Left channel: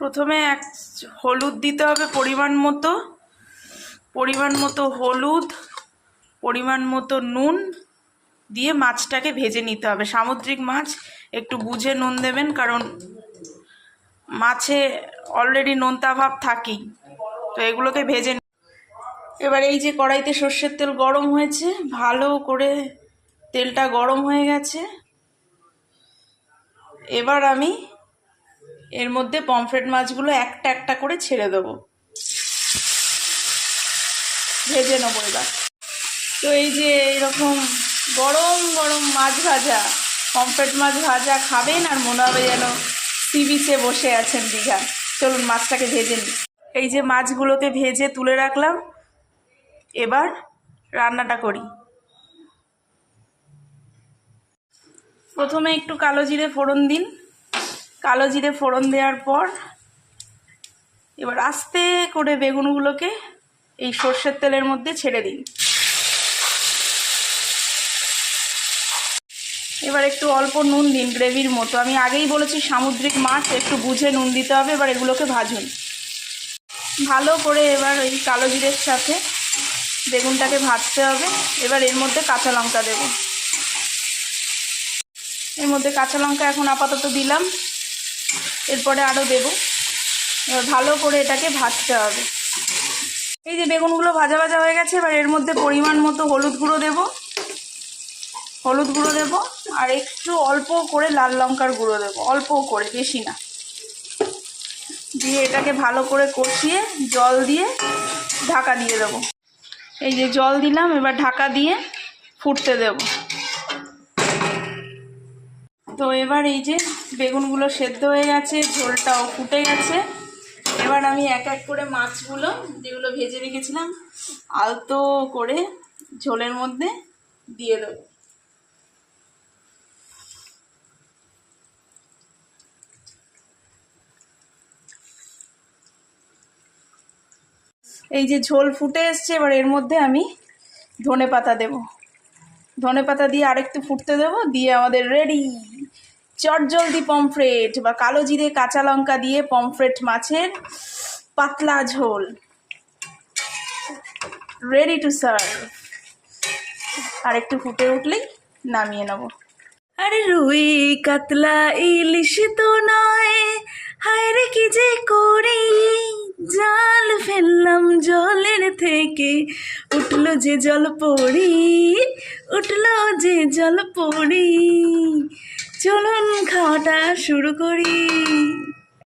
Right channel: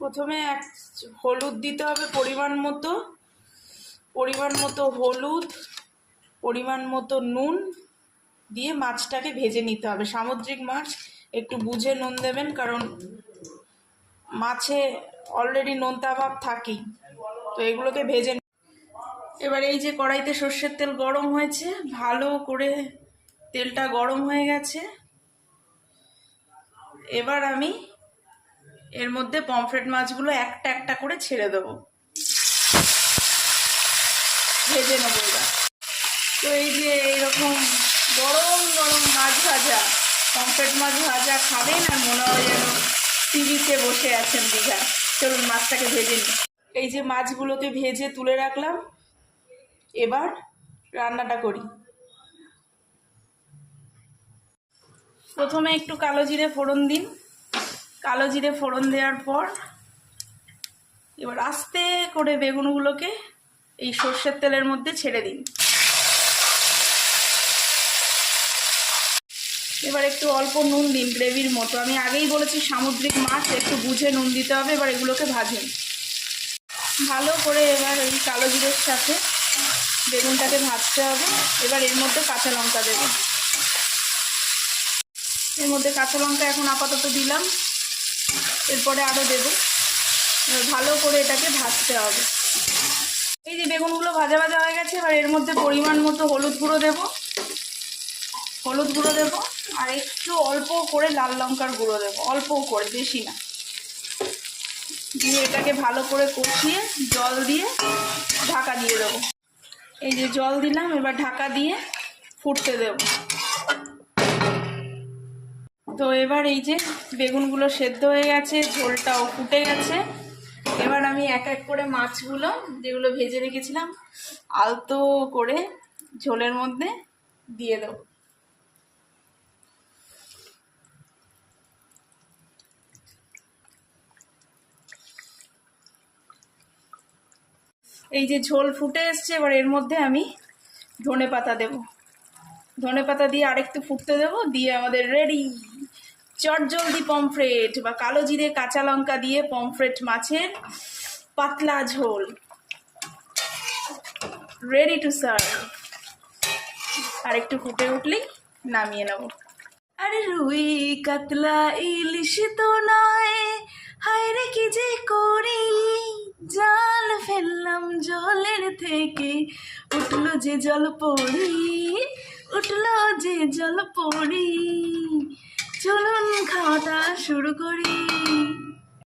প্রথমে হলুদ দিতে হবে পরিমাণ মতো হলুদ, পরিমাণ মতো নুন দিয়ে মাছটাকে ভেজে নিতে হবে। সামুদ্রিক মাছ একটু বুঝে নুন দেবেন, কারণ মাছে অলরেডি নোনতা ভাব থাকেই, তো এগুলোকে ভেজে। এবার এই যে কড়াইতে সর্ষের তেল গরম হয়েছে, ভালো করে তেলটা গরম হয়ে গেছে। এবার আমি এর মধ্যে পমফ্রেট মাছগুলো একটা একটা করে ছেড়ে দেবো, ভেজে নেবো এবার। তো এই যে এরকম গরম গরম মাছ ভাজা, পমফ্রেট মাছ ভাজা খাবেন আর মনে হবে যেন সি বিচে বসে আছেন দীঘা। চলুন মাছটাকে ভেজে নিই। এই যে মাছগুলোকে ভেজে তুলে রাখলাম, এবার রান্নাটা করি। প্রথমে একটু কালো জিরে ফোড়ন দিন। কালো জিরে ফোড়ন দেওয়ার পর এবার আস্তে করে বেগুনগুলোকে এই সর্ষের তেলের মধ্যে ছেড়ে দিন। এবার একটু অল্প নুন দিন, গ্রেভির মতো। আমি আগেই বলেছি সামুদ্রিক মাছ, একটু বুঝে নুন দিতে হবে। এবার এগুলোকে ভাজুন ভালো করে। এবার ওই কালো জিরের সাথে বেগুনটাকে ভাজতে হবে। এবার এর মধ্যে কাঁচা লঙ্কা দেব। এর মধ্যে কাঁচা লঙ্কা এখন আপাতত দিলাম, এরপরে আরও দেব। এবার ভালো করে এটাকে ভাজতে হবে। এই যে বেগুনগুলো ভাজা ভাজা হয়ে গেছে, এবার এর মধ্যে পরিমাণ মতো হলুদ গুঁড়ো দেব, আর একটু অল্প করে লাল লঙ্কার গুঁড়ো দেব, অল্প করে, বেশি না। দিয়ে এটাকে ভালো করে কষিয়ে জল দিয়ে ঢাকা দিয়ে দেবো। এই যে জল দিলাম, এবার ঢাকা দিয়ে ফুটতে দেব। তো এবার এই যে বেগুনগুলো সেদ্ধ হয়ে গেছে, ঝোলটাও ফুটে গেছে। এবার আমি এক এক করে মাছগুলো যেগুলো ভেজে রেখেছিলাম আলতো করে ঝোলের মধ্যে দিয়ে দেবো। এই যে ঝোল ফুটে এসছে, এবার এর মধ্যে আমি ধনেপাতা দেব। ধনেপাতা দিয়ে আরেকটু ফুটতে দেব, দিয়ে আমাদের রেডি চটজলদি পমফ্রেট বা কালো জিরে কাঁচা লঙ্কা দিয়ে পমফ্রেট মাছের পাতলা ঝোল রেডি টু সার্ভ। আর একটু ফুটে উঠলেই নামিয়ে নেব। আরে রুই কাতলা ইলিশ তো নয়, হায় রে কি যে করি, জাল ফেললাম জলের থেকে, উঠলো যে জল পড়ি, উঠলো যে জল পড়ি। চলুন খাওয়াটা শুরু করি।